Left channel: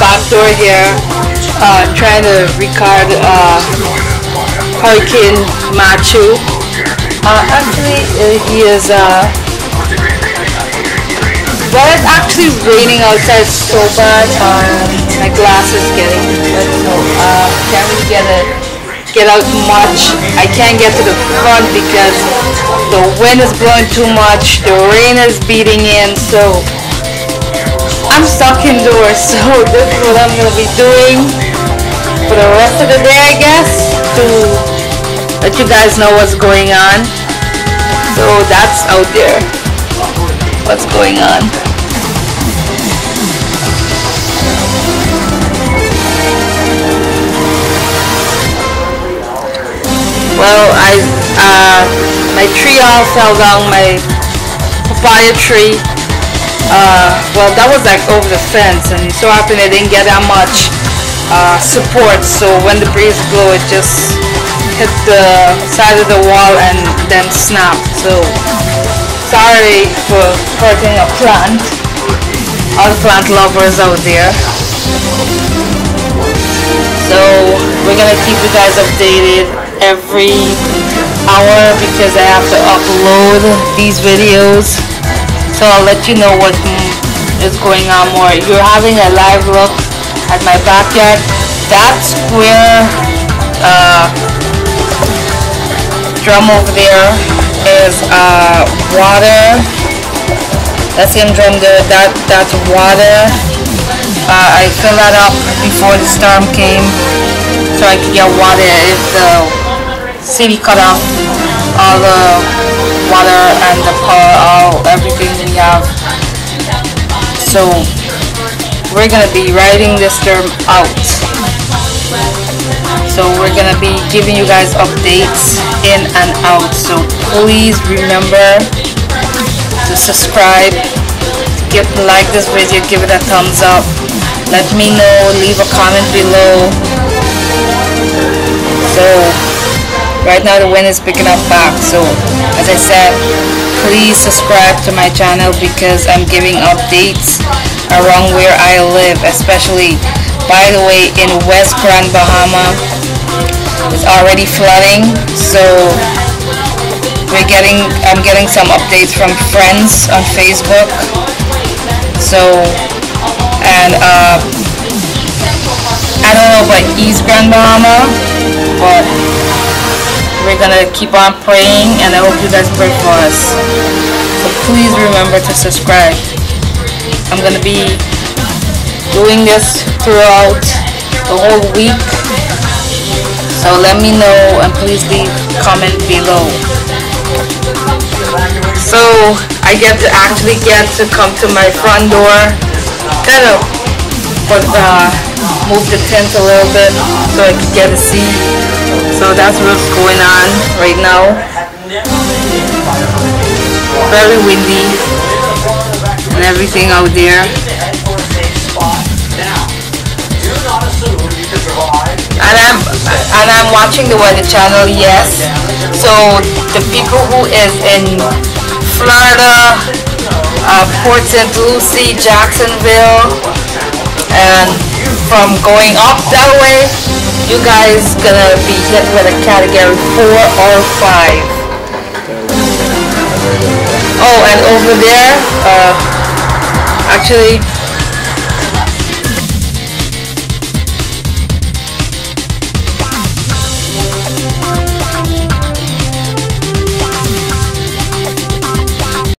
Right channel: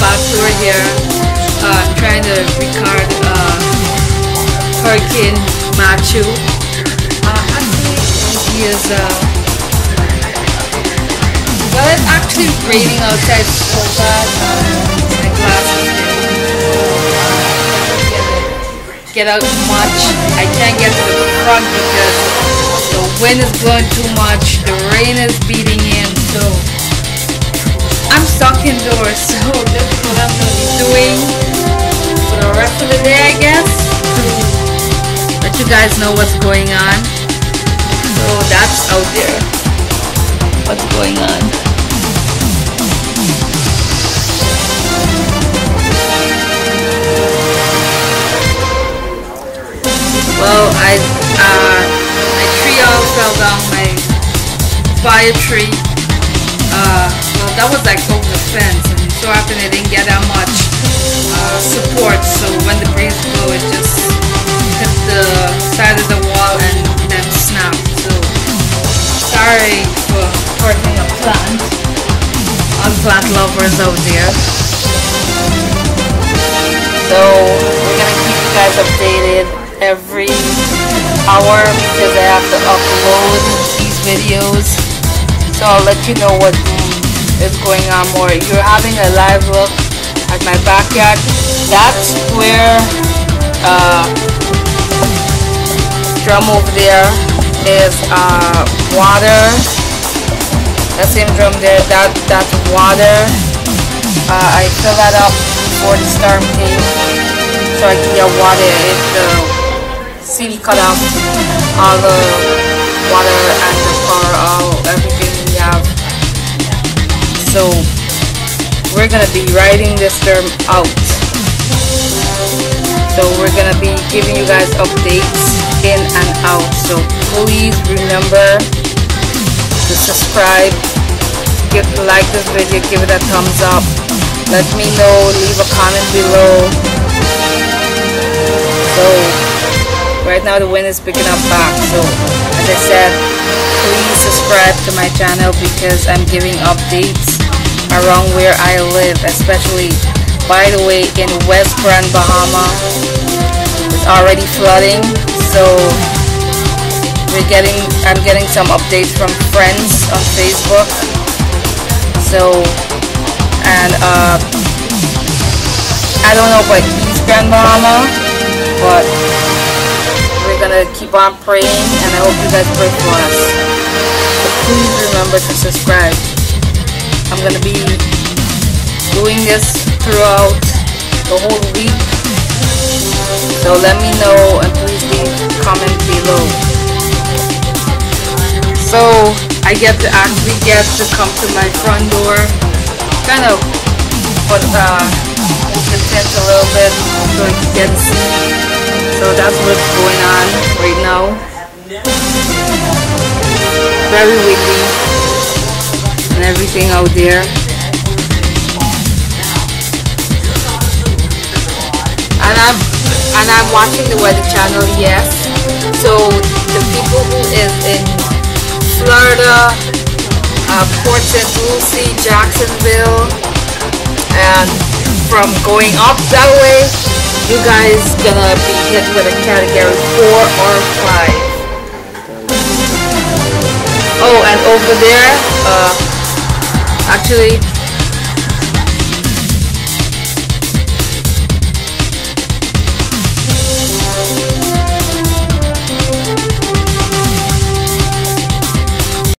back door here, trying to record Hurricane Matthew. Actually, he is. Well, it's actually raining outside so bad. My glass is getting. Can't really get out much. I can't get to the front because the wind is blowing too much. The rain is beating in, so I'm stuck indoors. So this is what I'm gonna be doing for the rest of the day, I guess, to let you guys know what's going on. So that's out there. What's going on? Well, my tree all fell down, my papaya tree. Well, that was like over the fence, and so happened it didn't get that much support. So when the breeze blew, it just hit the side of the wall and then snapped. So sorry for hurting a plant. All the plant lovers out there. So we're gonna keep you guys updated every hour because I have to upload these videos, so I'll let you know what is going on more. You're having a live look at my backyard. That's where drum over there is water. That same drum there, that's water. I filled that up before the storm came so I can get water if the city cut off all the water and the power, everything we have. So we're gonna be riding this storm out. So we're gonna be giving you guys updates in and out. So please remember to subscribe, like this video, give it a thumbs up. Let me know, leave a comment below. So right now the wind is picking up back, so as I said, please subscribe to my channel because I'm giving updates around where I live, especially, by the way, in West Grand Bahama. It's already flooding, so I'm getting some updates from friends on Facebook. So, and I don't know about East Grand Bahama, but we're gonna keep on praying, and I hope you guys pray for us. So please remember to subscribe. I'm gonna be doing this throughout the whole week, so let me know and please leave a comment below. So I actually get to come to my front door, kind of move the tent a little bit so I can get to see. So that's what's going on right now. Very windy and everything out there. And I'm watching the Weather Channel, yes. So the people who is in Florida, Port St. Lucie, Jacksonville, and from going up that way, you guys gonna be hit with a category 4 or 5. Oh, and over there, actually